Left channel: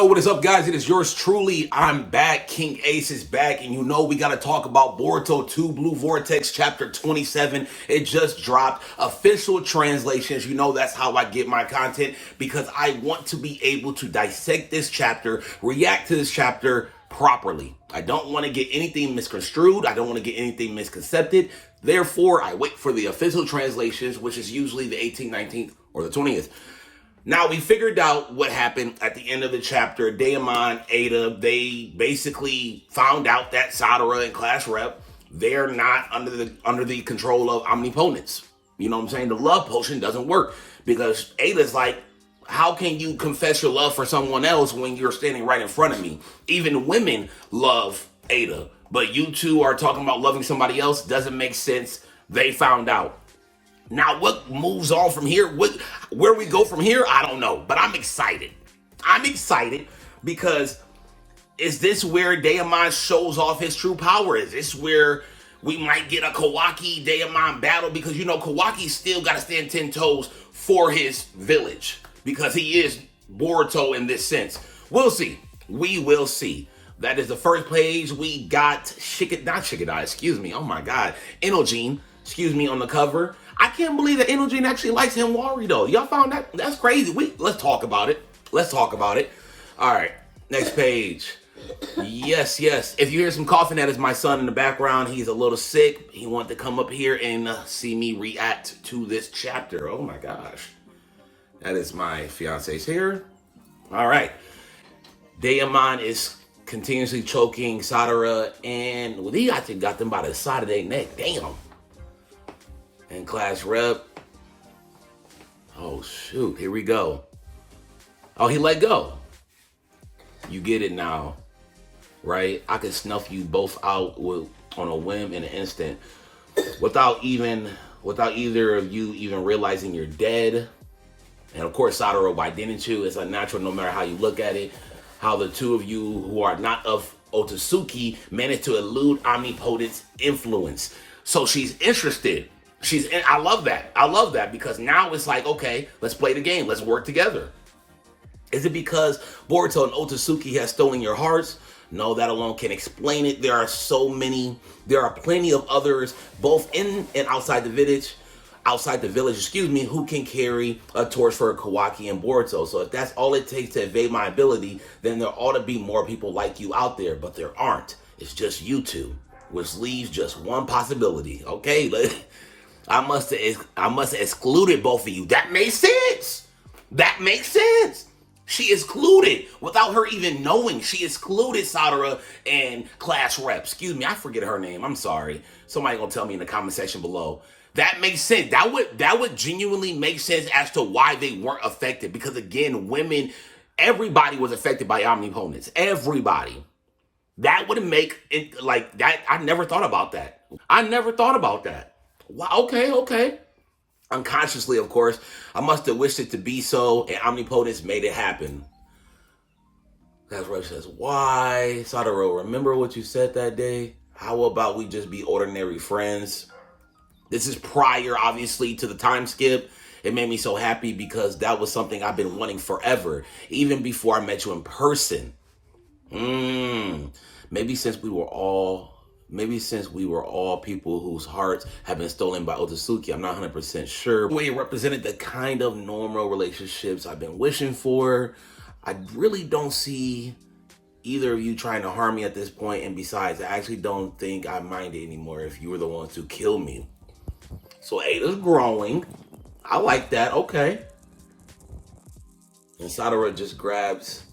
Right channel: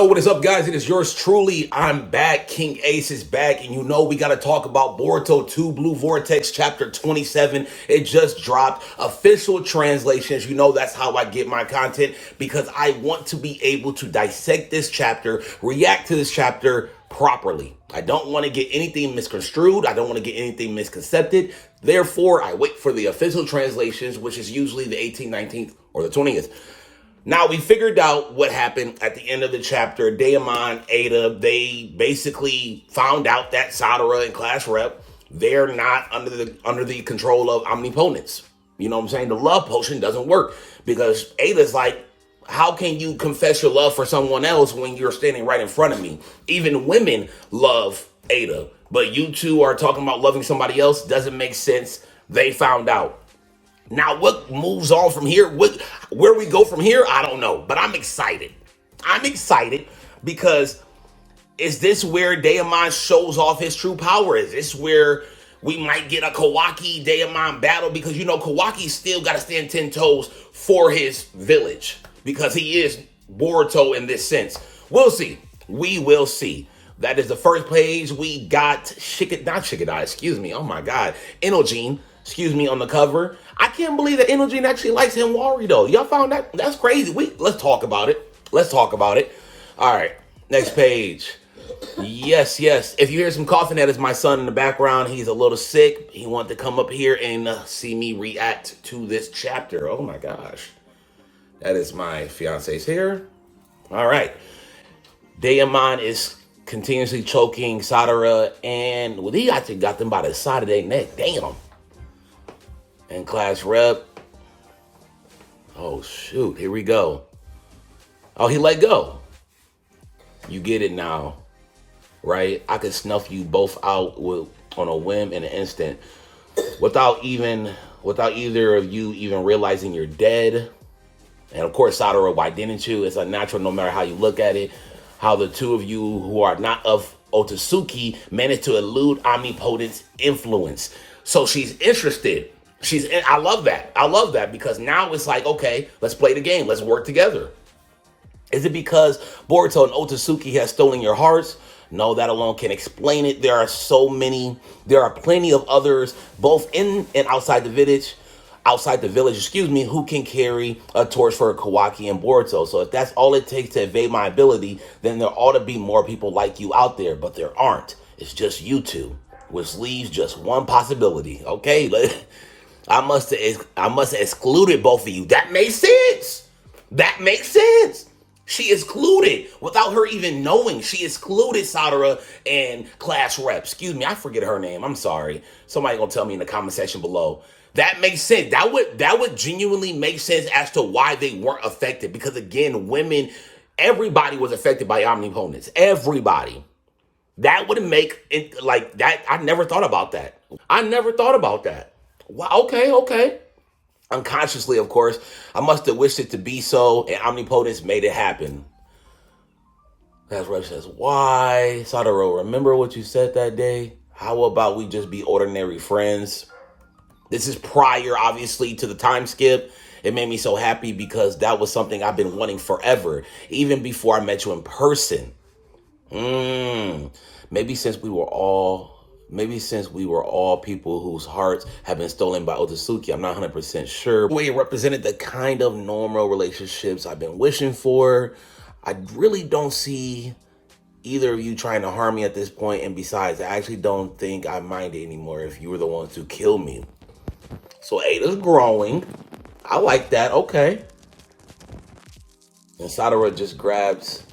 Oh, what is up, guys? It is yours truly. I'm back. King Ace is back, and you know we got to talk about Boruto 2 Blue Vortex Chapter 27. It just dropped. Official translations. You know that's how I get my content, because I want to be able to dissect this chapter, react to this chapter properly. I don't want to get anything misconstrued. I don't want to get anything misconcepted. Therefore, I wait for the official translations, which is usually the 18th, 19th, or the 20th. Now, we figured out what happened at the end of the chapter. Daemon, Ada, they basically found out that Sadara and Class Rep, they're not under the control of Omnipotence. You know what I'm saying? The love potion doesn't work, because Ada's like, how can you confess your love for someone else when you're standing right in front of me? Even women love Ada, but you two are talking about loving somebody else. Doesn't make sense. They found out. Now, what moves on from here? Where we go from here? I don't know, but I'm excited. I'm excited because is this where Daemon shows off his true power? Is this where we might get a Kawaki Daemon battle? Because, you know, Kawaki still got to stand 10 toes for his village, because he is Boruto in this sense. We'll see. We will see. That is the first page. We got Shikadai, excuse me. Oh my God. Enogene, excuse me, on the cover. I can't believe that Enogene actually likes Himwari though. Y'all found that? That's crazy. Let's talk about it. Let's talk about it. All right, next page. Yes. If you hear some coughing, that is my son in the background. He's a little sick. He wanted to come up here and see me react to this chapter. Oh my gosh. That is my fiance's hair. All right. Daemon is continuously choking Sadara, and he actually got them by the side of their neck. Damn. And Class Rep. Oh, shoot. Here we go. Oh, he let go. You get it now, right? I could snuff you both out on a whim in an instant without either of you even realizing you're dead. And of course, Sadara, why didn't you? It's unnatural no matter how you look at it. How the two of you who are not of Otsutsuki managed to elude Omnipotence influence. So she's interested. I love that. I love that, because now it's like, okay, let's play the game. Let's work together. Is it because Boruto and Otsutsuki has stolen your hearts? No, that alone can explain it. There are plenty of others, both in and outside the village, who can carry a torch for Kawaki and Boruto. So if that's all it takes to evade my ability, then there ought to be more people like you out there, but there aren't. It's just you two, which leaves just one possibility. Okay, I must have excluded both of you. That makes sense. She excluded, without her even knowing, she excluded Sadara and Class Rep. Excuse me, I forget her name. I'm sorry. Somebody gonna tell me in the comment section below. That makes sense. That would genuinely make sense as to why they weren't affected. Because again, women, everybody was affected by Omnipotence. Everybody. That would make it like that. I never thought about that. Wow. Okay. Unconsciously, of course, I must have wished it to be so, and Omnipotence made it happen. That's Rev says, why? Sadara, remember what you said that day? How about we just be ordinary friends? This is prior, obviously, to the time skip. It made me so happy because that was something I've been wanting forever, even before I met you in person. Maybe since we were all people whose hearts have been stolen by Otsutsuki. I'm not 100% sure. The way it represented the kind of normal relationships I've been wishing for. I really don't see either of you trying to harm me at this point. And besides, I actually don't think I mind it anymore if you were the ones to kill me. So Ada's growing. I like that. Okay. And Sadara just grabs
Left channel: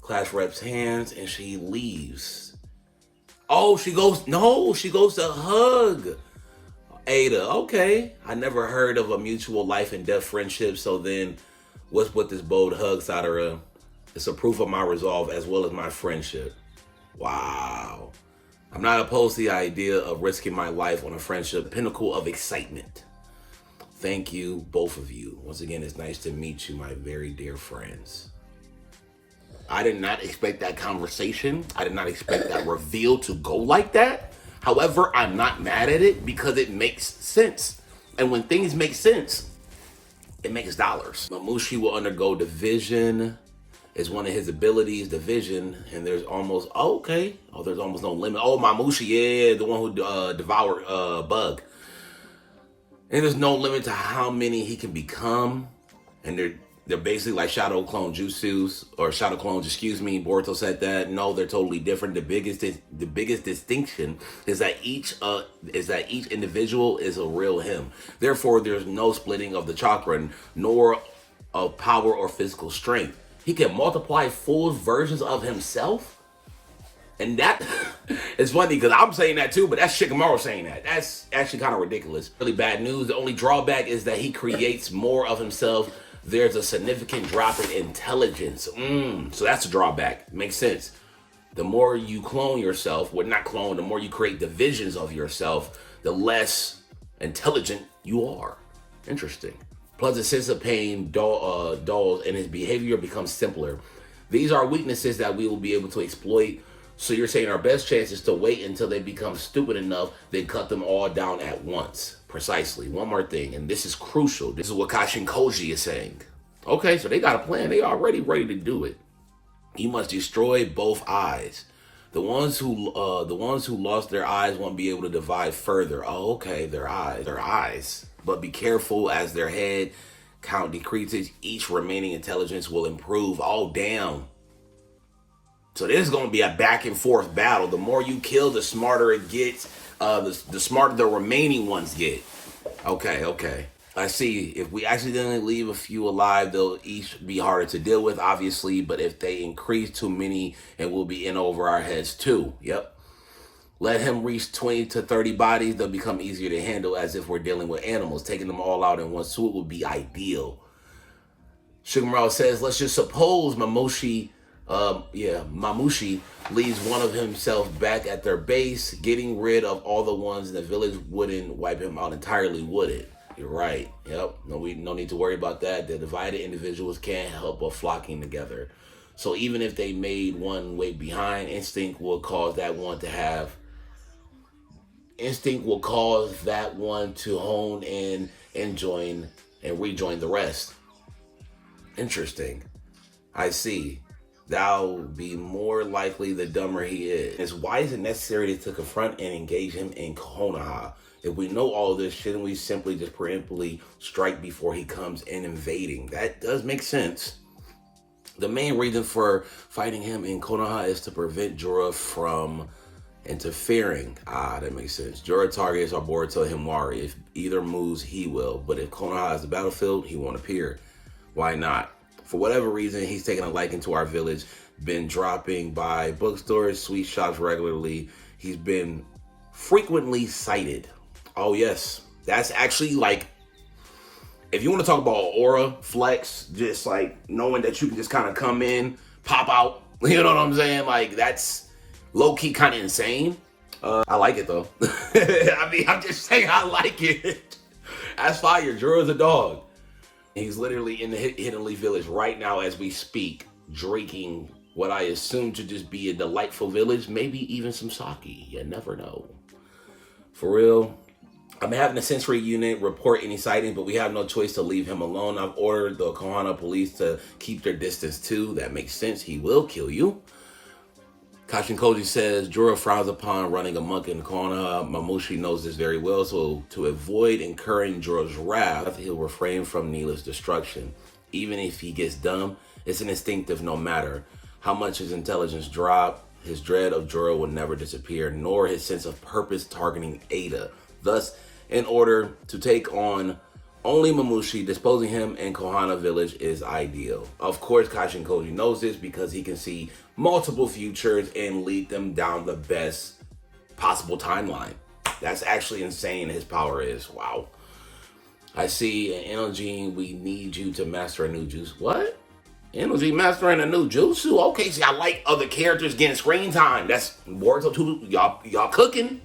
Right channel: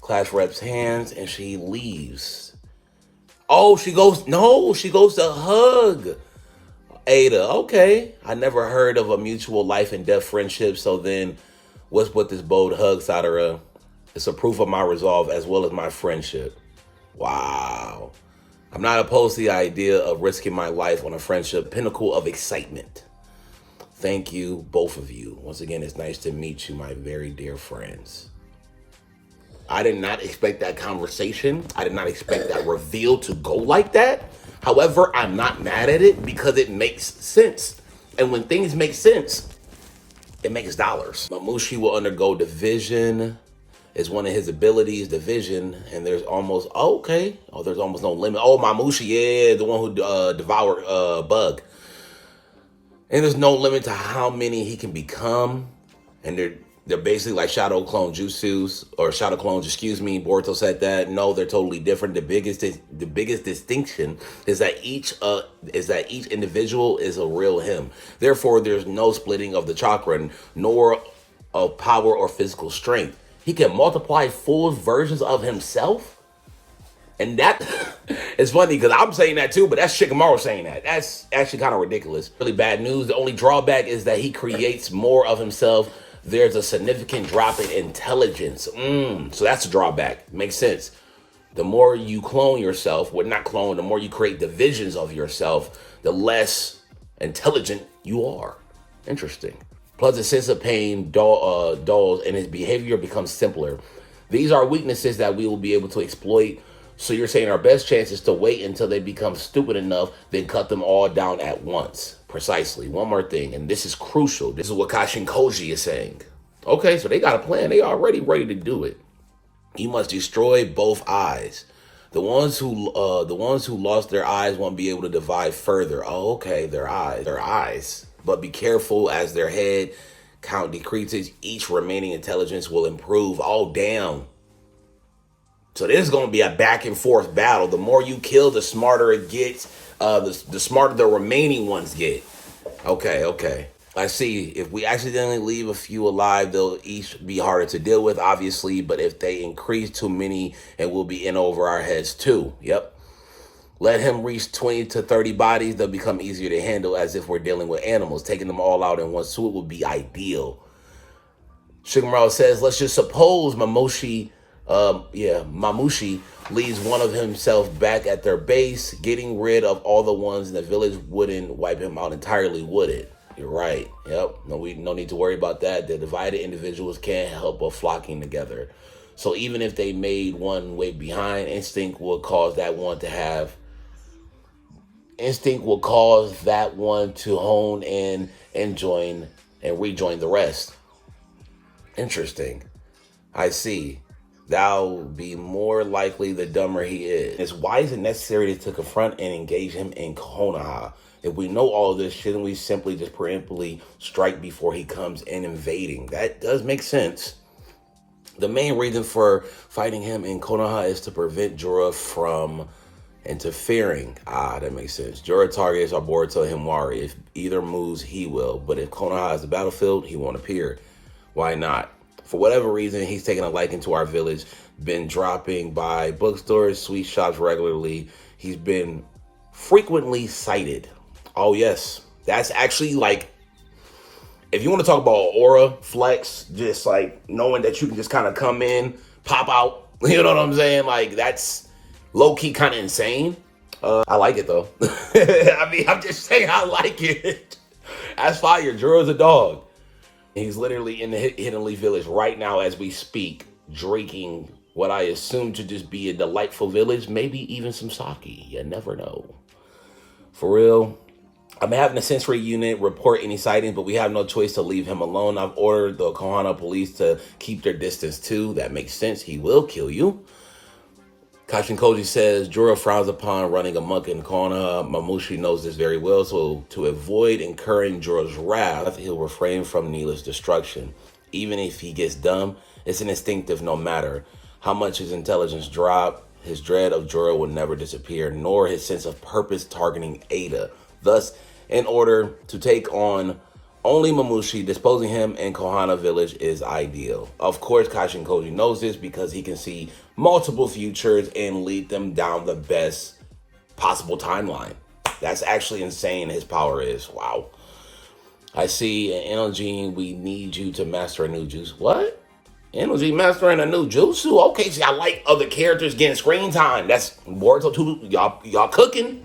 Class Rep's hands and she leaves. Oh, she goes to hug Ada. Okay. I never heard of a mutual life and death friendship. So then what's with this bold hug, Sadara? It's a proof of my resolve as well as my friendship. Wow. I'm not opposed to the idea of risking my life on a friendship pinnacle of excitement. Thank you, both of you. Once again, it's nice to meet you, my very dear friends. I did not expect that conversation. I did not expect that reveal to go like that. However, I'm not mad at it because it makes sense. And when things make sense, it makes dollars. Mamushi will undergo division. is one of his abilities, the vision, and there's almost there's almost no limit. Oh, Mamushi, yeah, the one who devoured Bug. And there's no limit to how many he can become. And they're basically like shadow clone jutsus, or shadow clones, excuse me. Boruto said that. No, they're totally different. The biggest distinction is that each individual is a real him. Therefore, there's no splitting of the chakra, nor of power or physical strength. He can multiply full versions of himself. And that is funny because I'm saying that too, but that's Shikamaru saying that. That's actually kind of ridiculous. Really bad news. The only drawback is that he creates more of himself. There's a significant drop in intelligence. So that's a drawback. Makes sense. The more you clone yourself, well, not clone, the more you create divisions of yourself, the less intelligent you are. Interesting. Plus, a sense of pain dulls, and his behavior becomes simpler. These are weaknesses that we will be able to exploit. So you're saying our best chance is to wait until they become stupid enough, then cut them all down at once. Precisely. One more thing, and this is crucial. This is what Kashin Koji is saying. Okay, so they got a plan. They already ready to do it. You must destroy both eyes. The ones who lost their eyes won't be able to divide further. Oh, okay, their eyes. But be careful, as their head count decreases, each remaining intelligence will improve. Oh, damn. So this is going to be a back and forth battle. The more you kill, the smarter it gets. The smarter the remaining ones get. Okay. I see. If we accidentally leave a few alive, they'll each be harder to deal with, obviously. But if they increase too many, it will be in over our heads too. Yep. Let him reach 20 to 30 bodies. They'll become easier to handle, as if we're dealing with animals. Taking them all out in one swoop would be ideal. Shikamaru says, let's just suppose Mamushi leaves one of himself back at their base. Getting rid of all the ones in the village wouldn't wipe him out entirely, would it? You're right. Yep. No need to worry about that. The divided individuals can't help but flocking together. So even if they made one way behind, instinct will cause that one to hone in and join and rejoin the rest. Interesting. I see. That'll be more likely the dumber he is. Why is it necessary to confront and engage him in Konoha? If we know all of this, shouldn't we simply just preemptively strike before he comes in invading? That does make sense. The main reason for fighting him in Konoha is to prevent Jorah from interfering. That makes sense. Jorah targets are Boruto Himawari. If either moves, he will. But if Konoha is the battlefield, he won't appear. Why not? For whatever reason, he's taken a liking to our village, been dropping by bookstores, sweet shops regularly. He's been frequently sighted. Oh, yes. That's actually like, if you want to talk about aura flex, just like knowing that you can just kind of come in, pop out, you know what I'm saying? Like, that's low-key kind of insane. I like it, though. I mean, I'm just saying I like it. That's fire. Jorah's a dog. He's literally in the Hidden Leaf Village right now as we speak, drinking what I assume to just be a delightful village, maybe even some sake. You never know. For real, I'm having a sensory unit report any sightings, but we have no choice to leave him alone. I've ordered the Konoha police to keep their distance too. That makes sense. He will kill you. Kashin Koji says, Jorah frowns upon running amok in Konoha. Mamushi knows this very well, so to avoid incurring Jorah's wrath, he'll refrain from needless destruction. Even if he gets dumb, it's an instinctive no matter how much his intelligence drop. His dread of Jorah will never disappear, nor his sense of purpose targeting Ada. Thus, in order to take on only Mamushi, disposing him in Konoha village is ideal. Of course, Kashin Koji knows this because he can see multiple futures and lead them down the best possible timeline. That's actually insane. His power is. Wow. I see an energy. We need you to master a new juice. What? Energy mastering a new jutsu? Okay, see, I like other characters getting screen time. That's Boruto 2. Y'all cooking.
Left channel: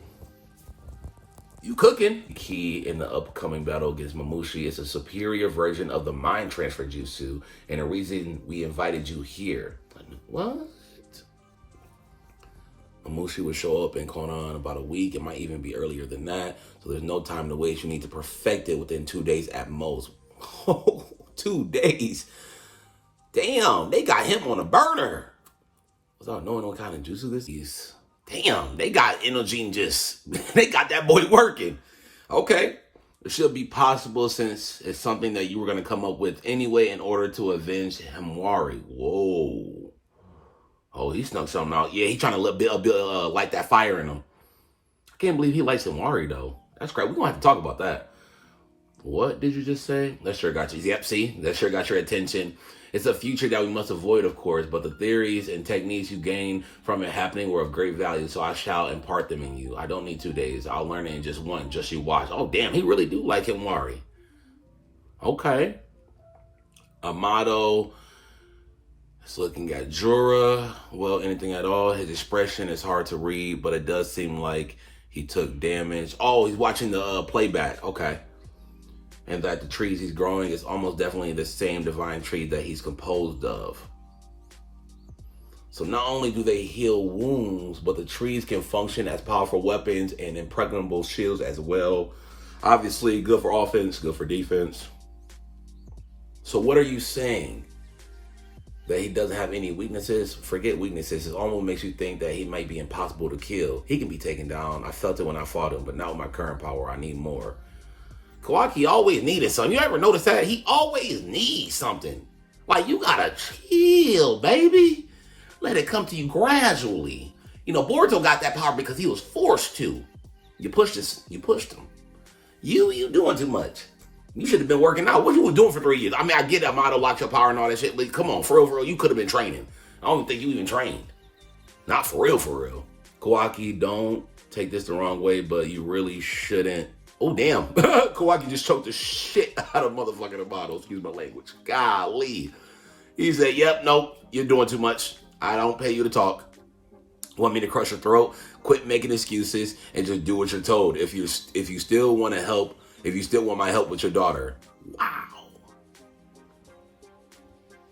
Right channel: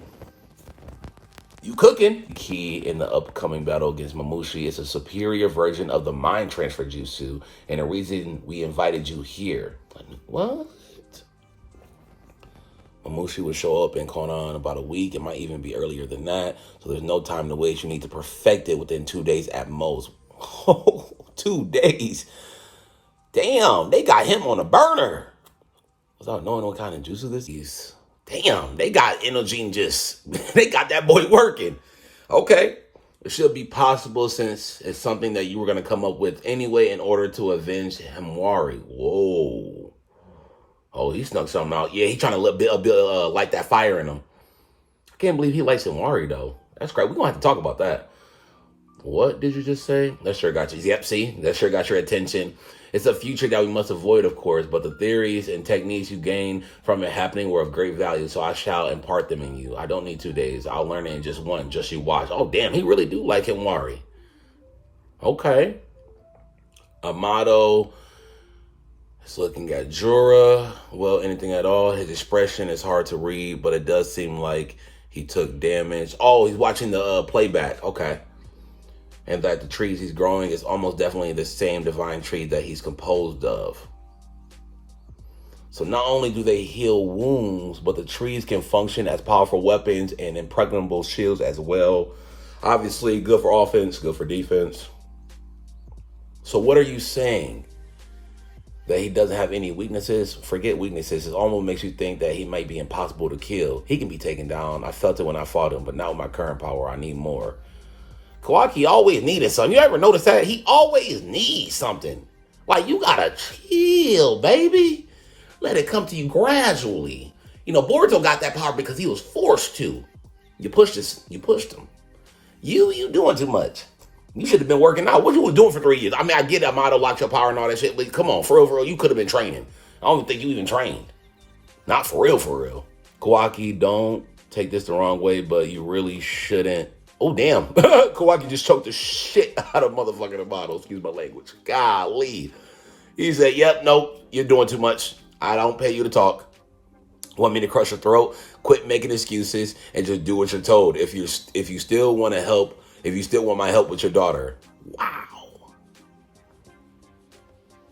You cooking. The key in the upcoming battle against Mamushi is a superior version of the mind transfer jutsu, and the reason we invited you here. What? Mamushi will show up in Konoha in about a week. It might even be earlier than that. So there's no time to waste. You need to perfect it within 2 days at most. 2 days. Damn, they got him on a burner. Without knowing what kind of juices this is. Damn, they got energy and just, they got that boy working. Okay. It should be possible since it's something that you were going to come up with anyway in order to avenge Himwari. Whoa. Oh, he snuck something out. Yeah, he's trying to light that fire in him. I can't believe he likes Himwari, though. That's great. We're going to have to talk about that. What did you just say? That sure got you. Yep, see? That sure got your attention. It's a future that we must avoid, of course, but the theories and techniques you gain from it happening were of great value, so I shall impart them in you. I don't need 2 days. I'll learn it in just one. Just you watch. Oh, damn, he really do like Himwari. Okay. Amato is looking at Jura. Well, anything at all. His expression is hard to read, but it does seem like he took damage. Oh, he's watching the playback. Okay. And that the trees he's growing is almost definitely the same divine tree that he's composed of. So not only do they heal wounds, but the trees can function as powerful weapons and impregnable shields as well. Obviously, good for offense, good for defense. So what are you saying? That he doesn't have any weaknesses? Forget weaknesses. It almost makes you think that he might be impossible to kill. He can be taken down. I felt it when I fought him, but not with my current power. I need more. Kawaki always needed something. You ever notice that? He always needs something. Like, you gotta chill, baby. Let it come to you gradually. You know, Boruto got that power because he was forced to. You pushed him. You doing too much. You should have been working out. What you was doing for 3 years? I mean, I get that motto, lock your power and all that shit, but come on, for real, you could have been training. I don't think you even trained. Not for real. Kawaki, don't take this the wrong way, but you really shouldn't. Oh, damn. Kawaki just choked the shit out of motherfucking Amato. Excuse my language. Golly. He said, yep, nope, you're doing too much. I don't pay you to talk. Want me to crush your throat? Quit making excuses and just do what you're told. If you still want to help, if you still want my help with your daughter. Wow.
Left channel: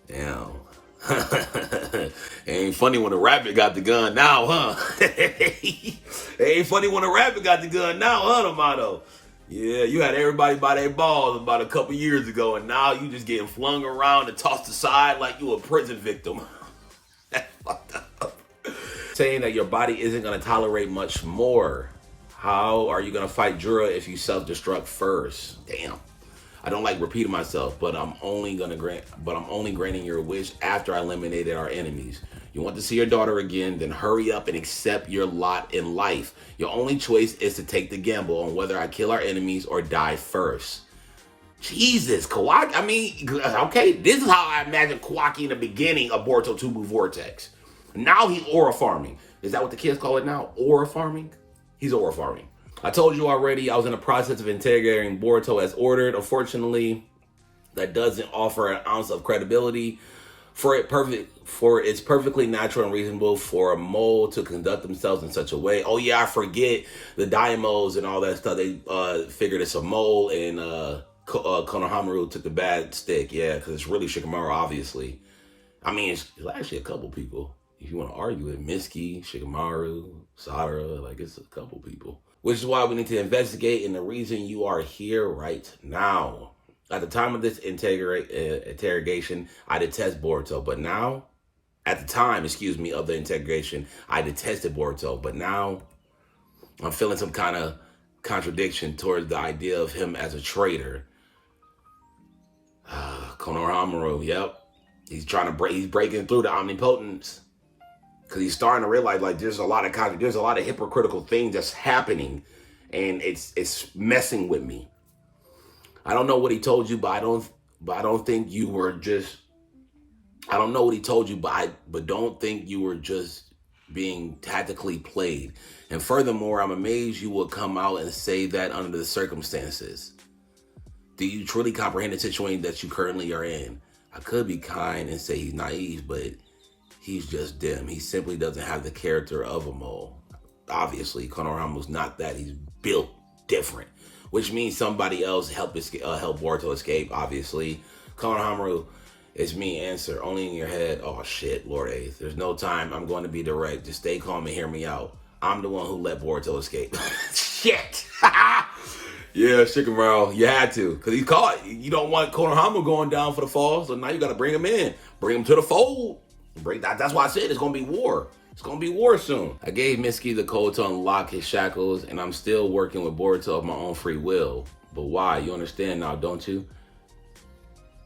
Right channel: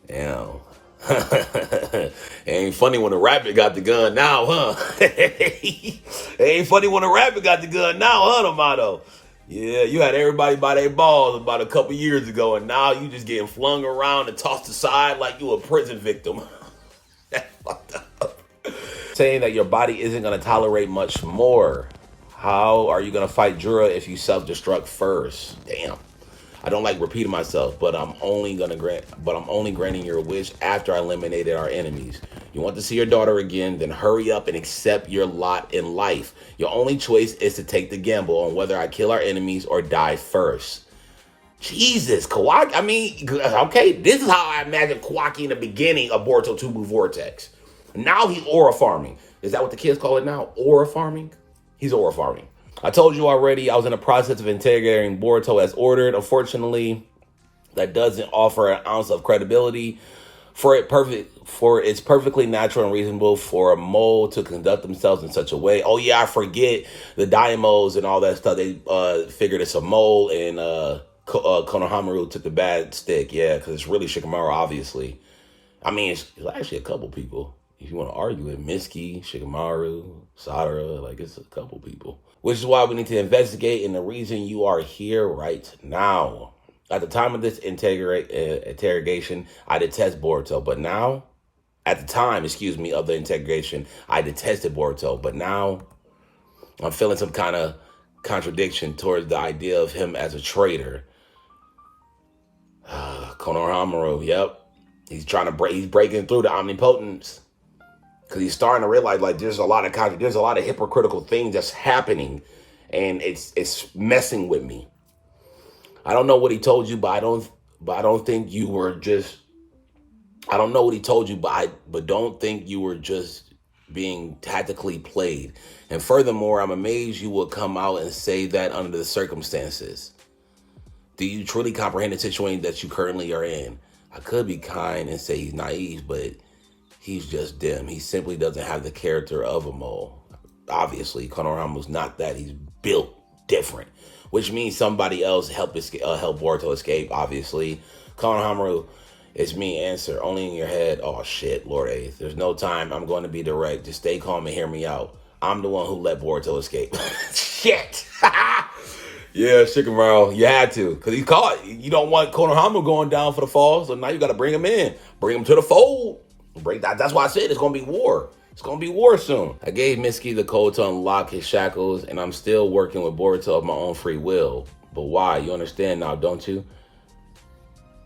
Damn. It ain't funny when a rabbit got the gun now, huh? It ain't funny when a rabbit got the gun now, huh, Amato? Yeah, you had everybody by their balls about a couple years ago, and now you just getting flung around and tossed aside like you a prison victim. That's fucked up. Saying that your body isn't going to tolerate much more. How are you going to fight Jura if you self-destruct first? Damn. I don't like repeating myself, but I'm only granting your wish after I eliminated our enemies. You want to see your daughter again, then hurry up and accept your lot in life. Your only choice is to take the gamble on whether I kill our enemies or die first. Jesus, Kawaki. I mean, okay, this is how I imagine Kawaki in the beginning of Boruto 2 Blue Vortex. Now he's aura farming. Is that what the kids call it now? Aura farming? He's aura farming. I told you already, I was in the process of interrogating Boruto as ordered. Unfortunately, that doesn't offer an ounce of credibility. It's perfectly natural and reasonable for a mole to conduct themselves in such a way. Oh yeah, I forget the Daimos and all that stuff. They figured it's a mole, and Konohamaru took the bad stick. Yeah, because it's really Shikamaru, obviously. I mean, it's actually a couple people. If you want to argue it, Mitsuki, Shikamaru, Sadara, like it's a couple people. Which is why we need to investigate, and the reason you are here right now. At the time of this interrogation, I detest Boruto, but now, at the time, of the interrogation, I detested Boruto, but now I'm feeling some kind of contradiction towards the idea of him as a traitor. Konohamaru, yep. He's breaking through the omnipotence. Because he's starting to realize, like, there's a lot of hypocritical things that's happening, and it's messing with me. I don't know what he told you, but I don't think you were just. I don't know what he told you, but don't think you were just being tactically played. And furthermore, I'm amazed you would come out and say that under the circumstances. Do you truly comprehend the situation that you currently are in? I could be kind and say he's naive, but he's just dim. He simply doesn't have the character of a mole. Obviously, Konohamaru's not that. He's built different, which means somebody else help Boruto escape, obviously. Konohamaru, it's me, answer. Only in your head. Oh, shit, Lord Eighth. There's no time. I'm going to be direct. Just stay calm and hear me out. I'm the one who let Boruto escape. Shit. Yeah, Shikamaru, you had to. Because he's caught. You don't want Konohamaru going down for the fall, so now you got to bring him in. Bring him to the fold. That's why I said it's going to be war. It's going to be war soon. I gave Mitsuki the code to unlock his shackles, and I'm still working with Boruto of my own free will. But why? You understand now, don't you?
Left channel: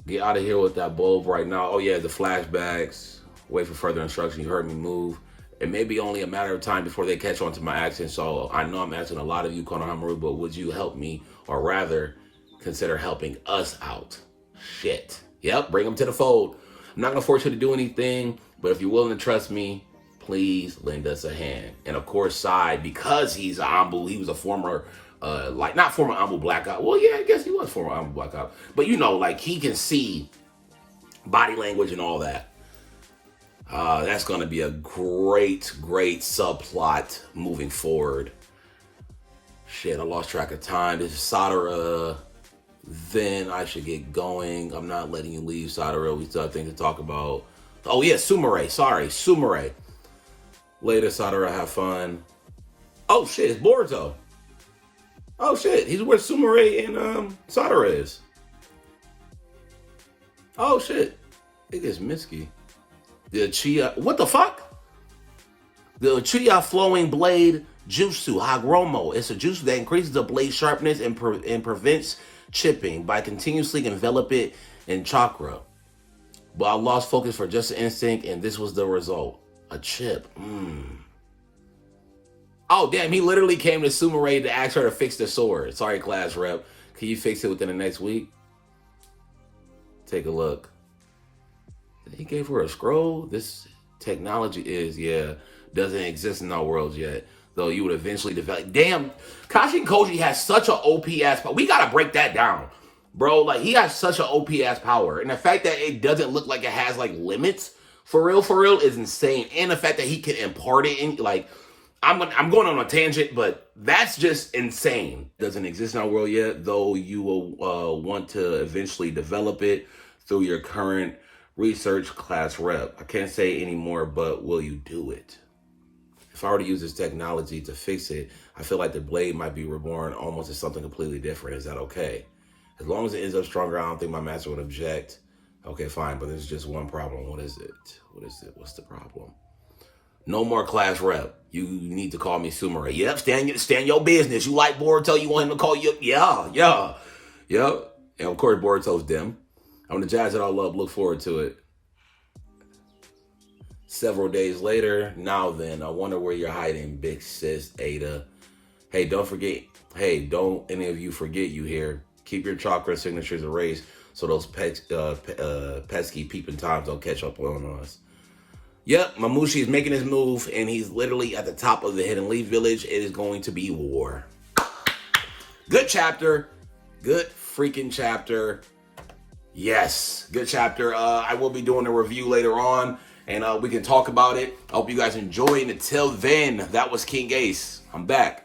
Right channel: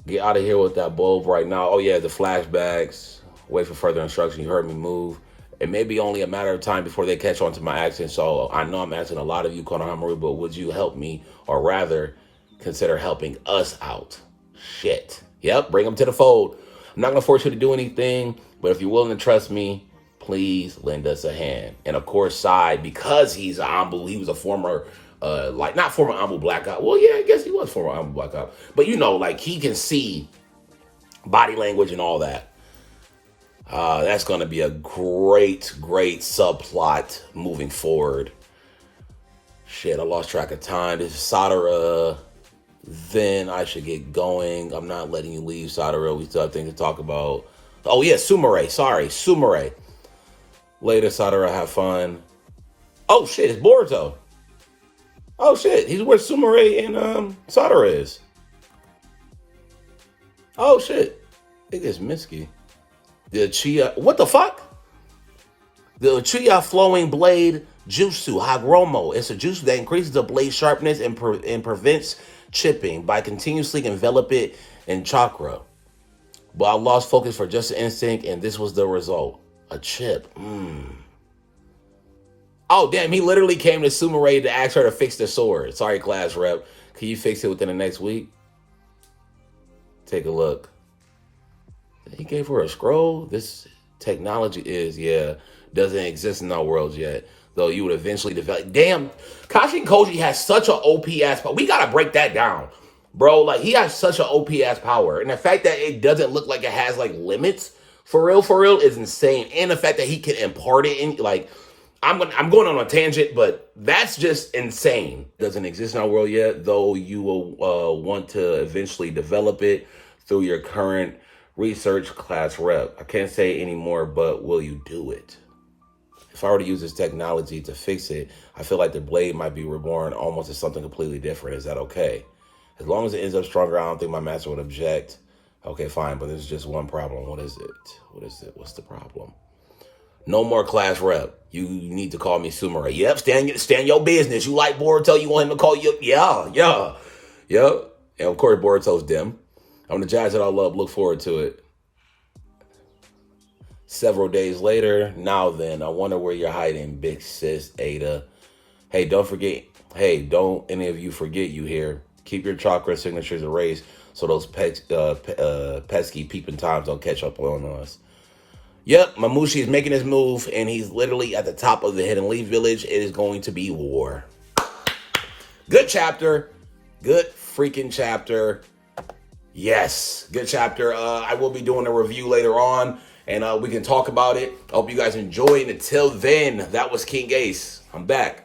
Get out of here with that bulb right now. Oh, yeah, the flashbacks. Wait for further instruction. You heard me move. It may be only a matter of time before they catch on to my accent. So I know I'm asking a lot of you, Konohamaru, but would you help me? Or rather, consider helping us out. Shit. Yep, bring them to the fold. I'm not going to force you to do anything, but if you're willing to trust me, please lend us a hand. And of course, Sai, because he's an Ambu, he was a former, not former Ambu Black Op. Well, yeah, I guess he was former Ambu Black Op. But you know, like he can see body language and all that. That's going to be a great subplot moving forward. Shit, I lost track of time. This is Sadara. Then I should get going. I'm not letting you leave, Sadara. We still have things to talk about. Oh, yeah, Sumire. Sorry, Sumire. Later, Sadara, have fun. Oh, shit, it's Boruto. Oh, shit, he's where Sumire and Sadara is. Oh, shit. It is Mitsuki. The Uchiha, what the fuck? The Uchiha Flowing Blade Jutsu, Hagromo. It's a jutsu that increases the blade sharpness and prevents chipping by continuously envelop it in chakra. But I lost focus for just an instant, and this was the result. A chip. Oh, damn, he literally came to Sumire to ask her to fix the sword. Sorry, class rep. Can you fix it within the next week? Take a look. He gave her a scroll. This technology doesn't exist in our worlds yet. Though you would eventually develop. Damn, Kashin Koji has such an OP ass power. We gotta break that down, bro. Like he has such an OP ass power, and the fact that it doesn't look like it has like limits for real, is insane. And the fact that he can impart it in like, I'm going on a tangent, but that's just insane. Doesn't exist in our world yet, though you will want to eventually develop it through your current research class rep. I can't say anymore, but will you do it? If I were to use this technology to fix it, I feel like the blade might be reborn almost as something completely different. Is that okay? As long as it ends up stronger, I don't think my master would object. Okay, fine, but there's just one problem. What is it? What's the problem? No more class rep. You need to call me Sumire. Yep, stand your business. You like Boruto, you want him to call you? Yeah. Yep. And of course, Boruto's dim. I'm the judge that I love. Look forward to it. Several days later, now then, I wonder where you're hiding, big sis Ada. Hey, don't any of you forget you here. Keep your chakra signatures erased so those pesky peeping times don't catch up on us. Yep, Mamushi is making his move, and he's literally at the top of the Hidden Leaf Village. It is going to be war. Good chapter. Good freaking chapter. Yes, good chapter. I will be doing a review later on, and we can talk about it. I hope you guys enjoy it. And until then, that was King Ace. I'm back.